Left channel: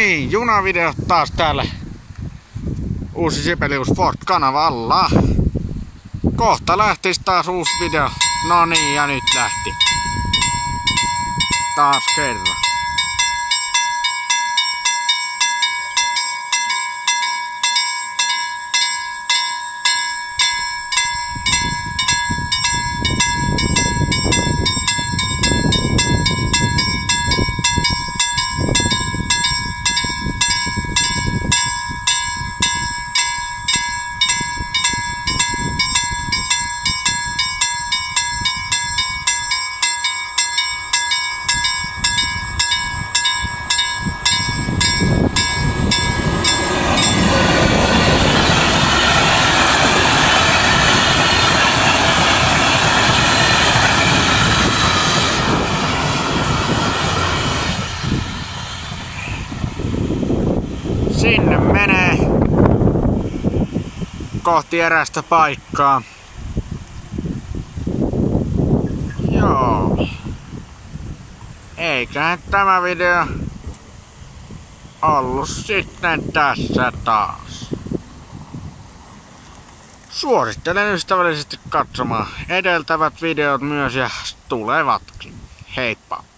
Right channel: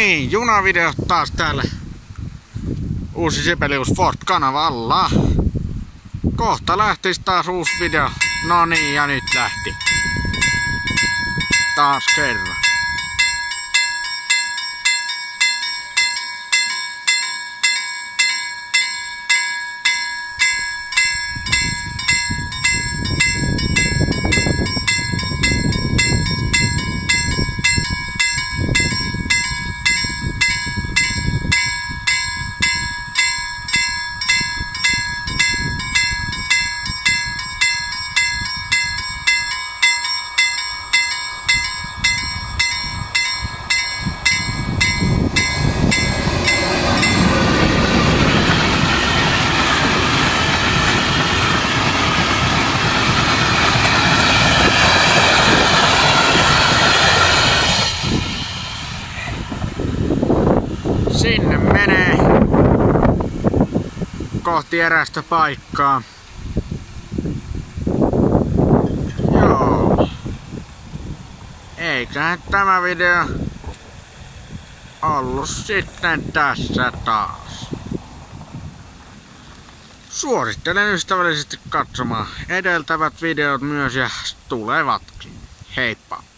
niin, junavideo taas täällä uusi Sibelius Fort-kanavalla. Kohta lähtis taas uusi video. No niin, ja nyt lähti. Taas kerran. Sinne menee kohti erästä paikkaa. Joo. Eiköhän tämä video ollut sitten tässä taas. Suosittelen ystävällisesti katsomaan edeltävät videot myös ja tulevatkin. Heippa!